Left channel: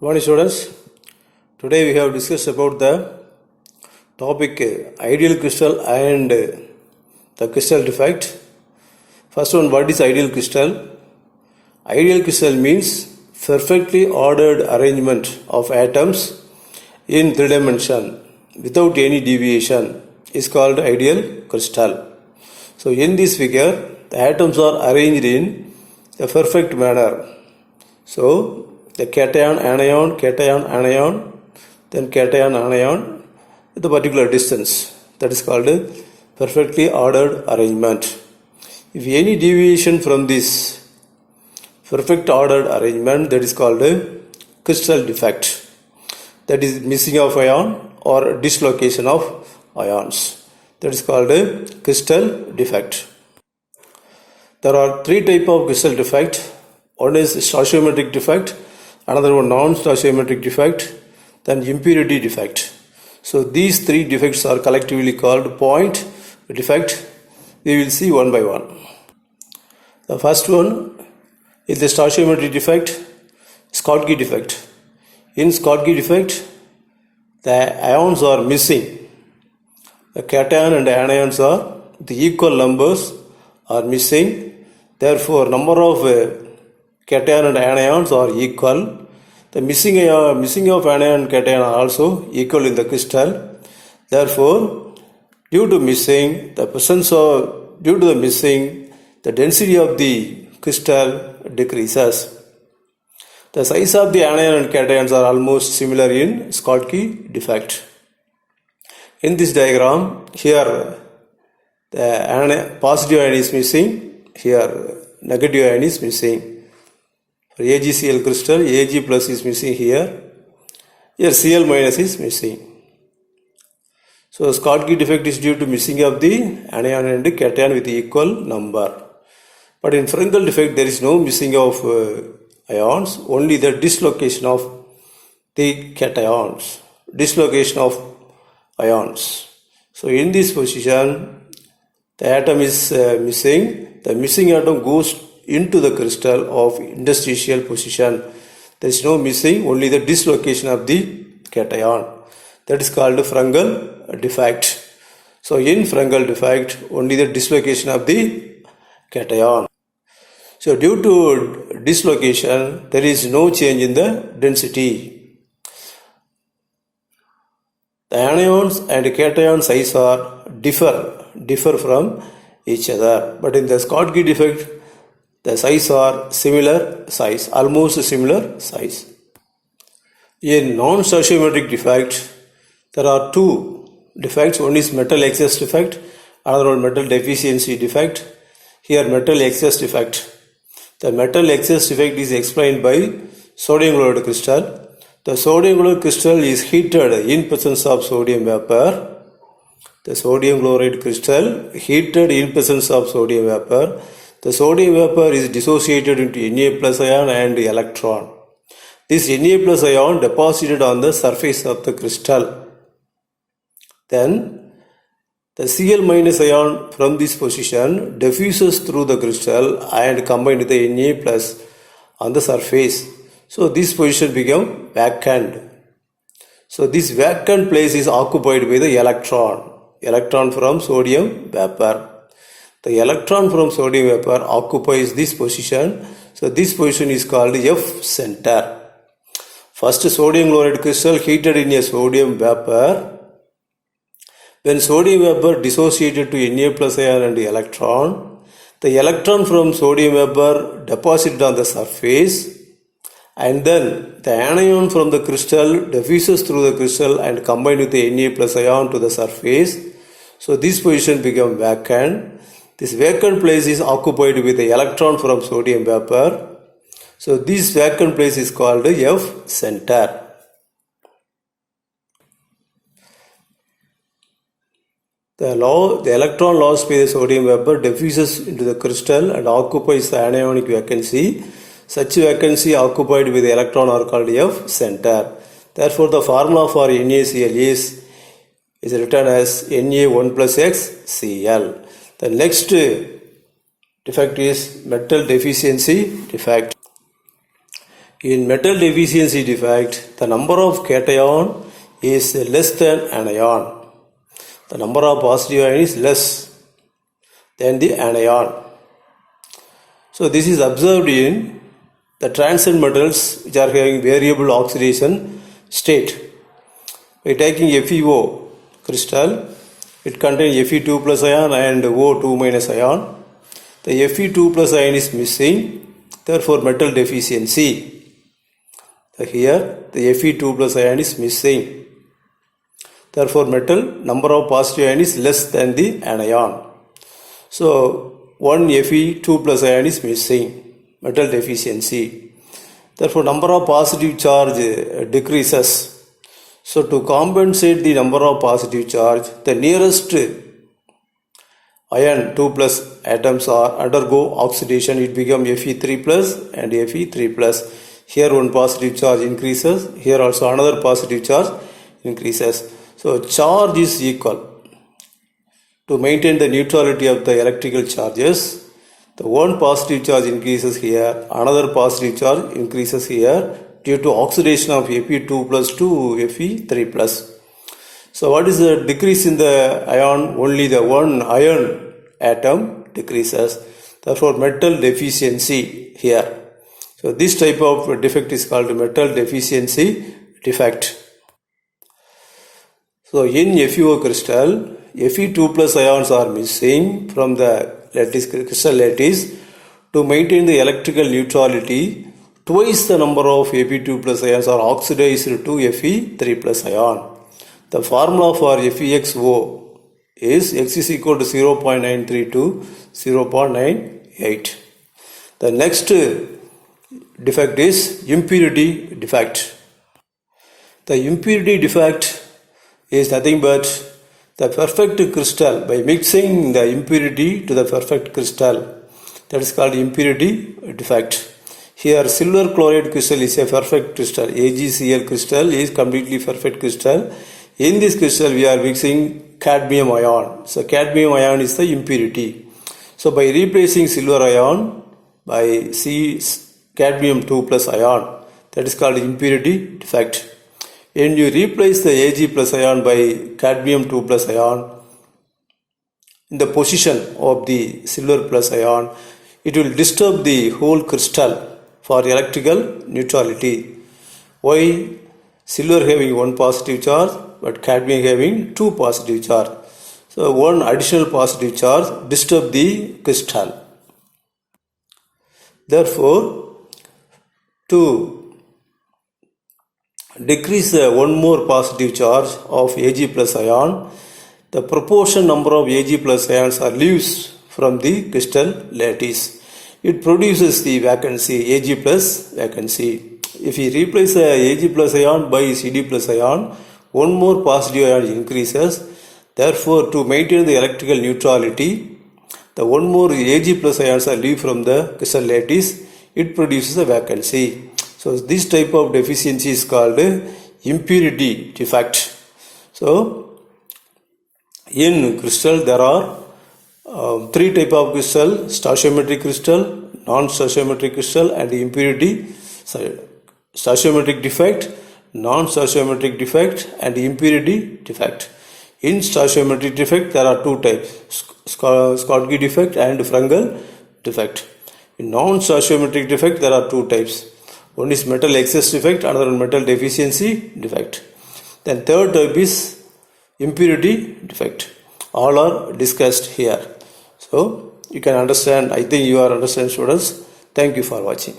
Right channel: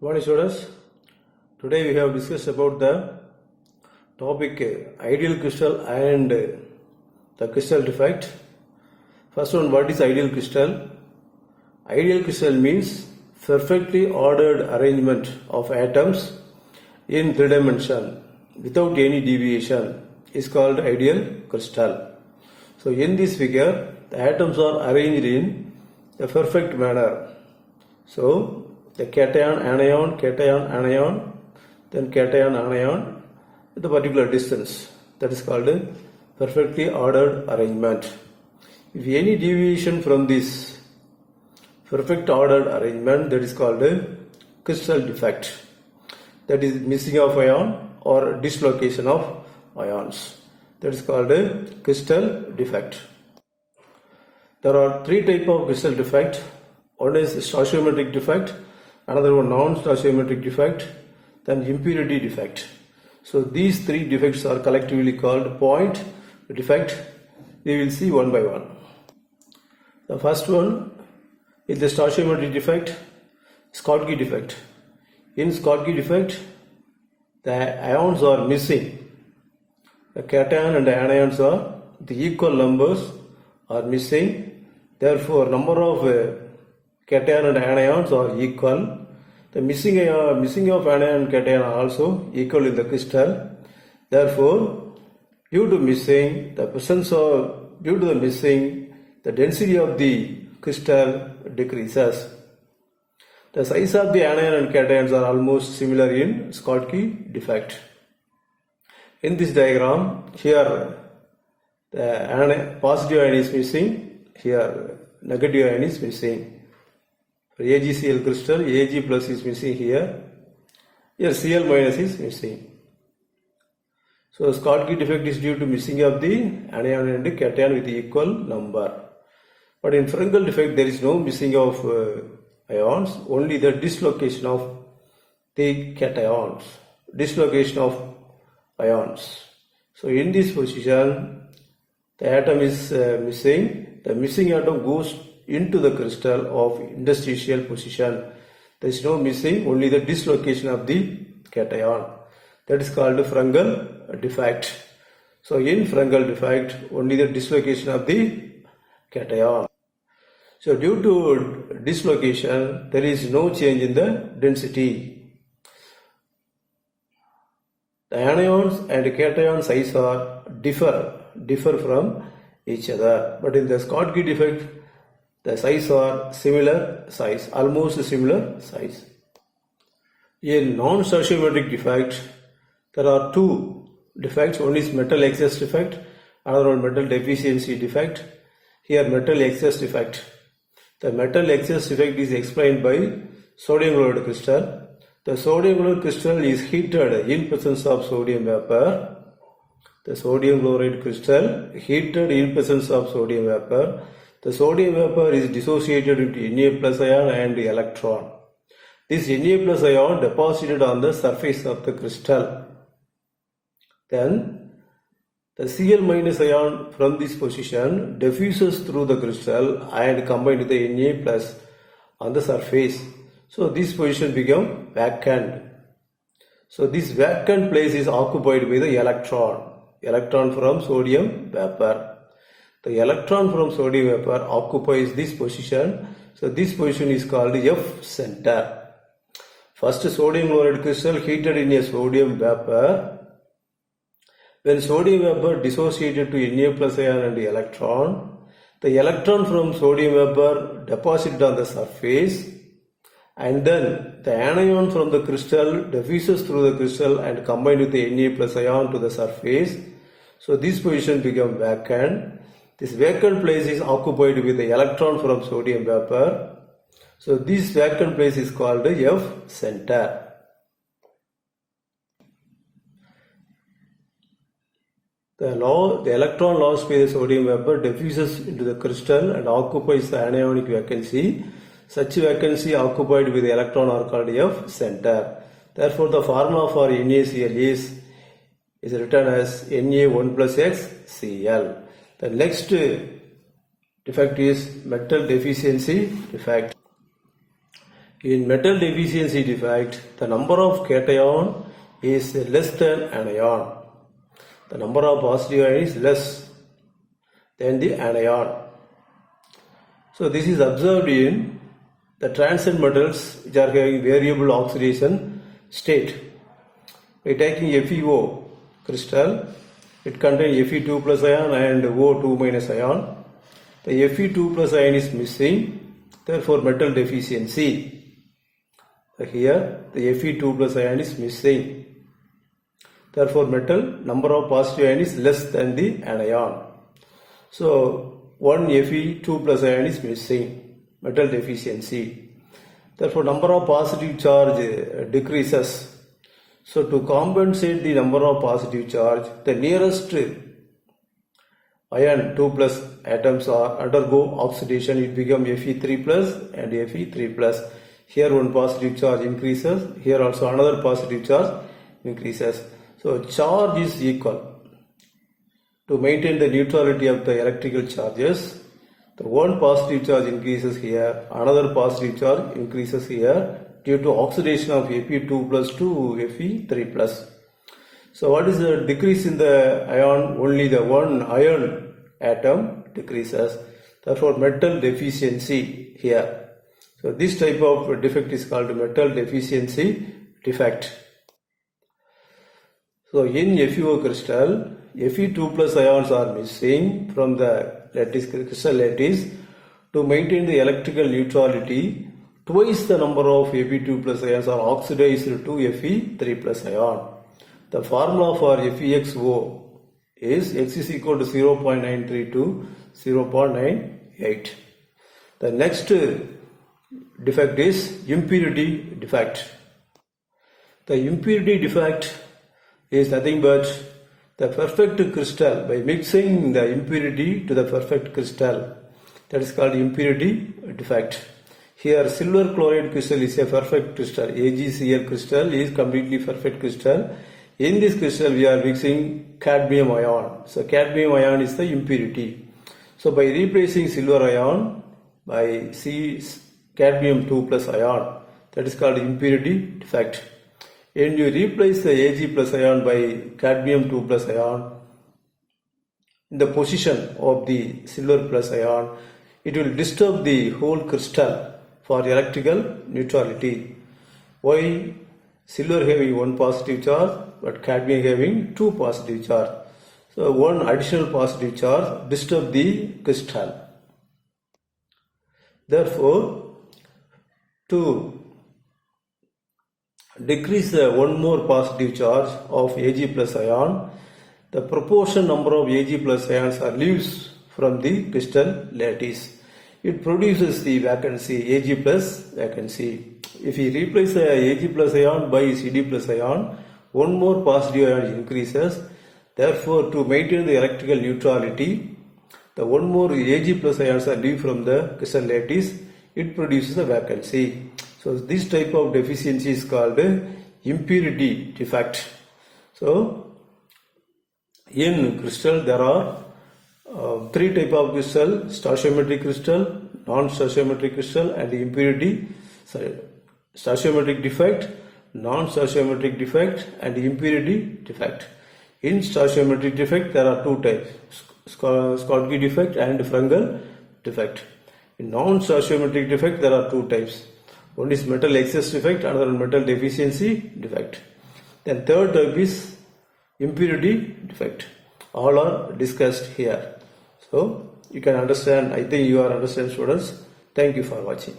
Morning students, today we have discussed about the topic ideal crystal and the crystal defect. First one, what is ideal crystal? Ideal crystal means perfectly ordered arrangement of atoms in three dimension without any deviation is called ideal crystal. So in this figure, the atoms are arranged in a perfect manner. So the cation, anion, then cation, anion with a particular distance. That is called a perfectly ordered arrangement. If any deviation from this perfect ordered arrangement, that is called a crystal defect. That is missing of ion or dislocation of ions. That is called a crystal defect. There are three types of crystal defect. One is stoichiometric defect, another one non-stoichiometric defect, then impurity defect. So these three defects are collectively called point defect. We will see one by one. The first one is the stoichiometric defect, Schottky defect. In Schottky defect, the ions are missing. The cation and the anions are the equal numbers are missing. Therefore, number of cation and anions are equal. The missing of anion and cation are also equal in the crystal. Therefore, due to the missing, the density of the crystal decreases. The size of the anion and cations are almost similar in Schottky defect. In this diagram, here the positive ion is missing, here negative ion is missing. For AgCl crystal, Ag plus is missing here. Here Cl minus is missing. So Schottky defect is due to missing of the anion and cation with equal number. But in Frenkel defect, there is no missing of ions, only the dislocation of the cations, dislocation of ions. So in this position, the atom is missing. The missing atom goes into the crystal of interstitial position. There is no missing, only the dislocation of the cation. That is called Frenkel defect. So in Frenkel defect, only the dislocation of the cation. So due to dislocation, there is no change in the density. The anions and cation size are differ from each other. But in the Schottky defect, the size are similar size, almost similar size. In non-stoichiometric defect, there are two defects. One is metal excess defect, another one metal deficiency defect. Here metal excess defect. The metal excess defect is explained by sodium chloride crystal. The sodium chloride crystal is heated in presence of sodium vapor. The sodium chloride crystal heated in presence of sodium vapor. The sodium vapor is dissociated into Na plus ion and electron. This Na plus ion deposited on the surface of the crystal. Then the Cl minus ion from this position diffuses through the crystal and combined with the Na plus on the surface. So this position become vacant. So this vacant place is occupied by the electron from sodium vapor. The electron from sodium vapor occupies this position. So this position is called F center. First sodium chloride crystal heated in a sodium vapor. When sodium vapor dissociated to Na plus ion and the electron from sodium vapor deposited on the surface, and then the anion from the crystal diffuses through the crystal and combined with the Na plus ion to the surface. So this position becomes vacant. This vacant place is occupied with the electron from sodium vapor. So this vacant place is called F center. The electron lost by the sodium vapor diffuses into the crystal and occupies the anionic vacancy. Such vacancy occupied with the electron are called F center. Therefore, the formula for NaCl is written as Na1 plus X Cl. The next defect is metal deficiency defect. In metal deficiency defect, the number of cation is less than anion. The number of positive ion is less than the anion. So this is observed in the transient metals which are having variable oxidation state. By taking FeO crystal, it contains Fe2 plus ion and O2 minus ion. The Fe2 plus ion is missing, therefore metal deficiency. Here the Fe2 plus ion is missing. Therefore metal number of positive ion is less than the anion. So one Fe2 plus ion is missing, metal deficiency. Therefore number of positive charge decreases. So to compensate the number of positive charge, the nearest ion 2 plus atoms are undergo oxidation. It becomes Fe3 plus and Fe3 plus. Here one positive charge increases, here also another positive charge increases. So charge is equal. To maintain the neutrality of the electrical charges, the one positive charge increases here, another positive charge increases here due to oxidation of Fe2 plus to Fe3 plus. So what is the decrease in the ion? Only the one iron atom decreases. Therefore metal deficiency here. So this type of defect is called metal deficiency defect. So in FeO crystal, Fe2 plus ions are missing from the crystal lattice. To maintain the electrical neutrality, twice the number of Fe2 plus ions are oxidized to Fe3 plus ion. The formula for FeXO is X is equal to 0.93 to 0.98. The next defect is impurity defect. The impurity defect is nothing but the perfect crystal. By mixing the impurity to the perfect crystal, that is called impurity defect. Here silver chloride crystal is a perfect crystal. AgCl crystal is completely perfect crystal. In this crystal we are mixing cadmium ion. So cadmium ion is the impurity. So by replacing silver ion by cadmium 2 plus ion, that is called impurity defect. When you replace the Ag plus ion by cadmium 2 plus ion in the position of the silver plus ion, it will disturb the whole crystal for electrical neutrality. Why? Silver having one positive charge but cadmium having two positive charge. So one additional positive charge disturb the crystal. Therefore, to decrease the one more positive charge of Ag plus ion, the proportion number of Ag plus ions are leaves from the crystal lattice. It produces the vacancy, Ag plus vacancy. If we replace the Ag plus ion by Cd plus ion, one more positive ion increases. Therefore, to maintain the electrical neutrality, the one more Ag plus ions are leave from the crystal lattice. It produces a vacancy. So this type of deficiency is called impurity defect. So in crystal there are three type of crystal: stoichiometric crystal, non-stoichiometric crystal, and impurity. Stoichiometric defect, non-stoichiometric defect, and impurity defect. In stoichiometric defect there are two types: Schottky defect and Frankel defect. In non-stoichiometric defect there are two types. One is metal excess defect, another one metal deficiency defect. Then third type is impurity defect. All are discussed here. So you can understand. I think you are understand, students. Thank you for watching.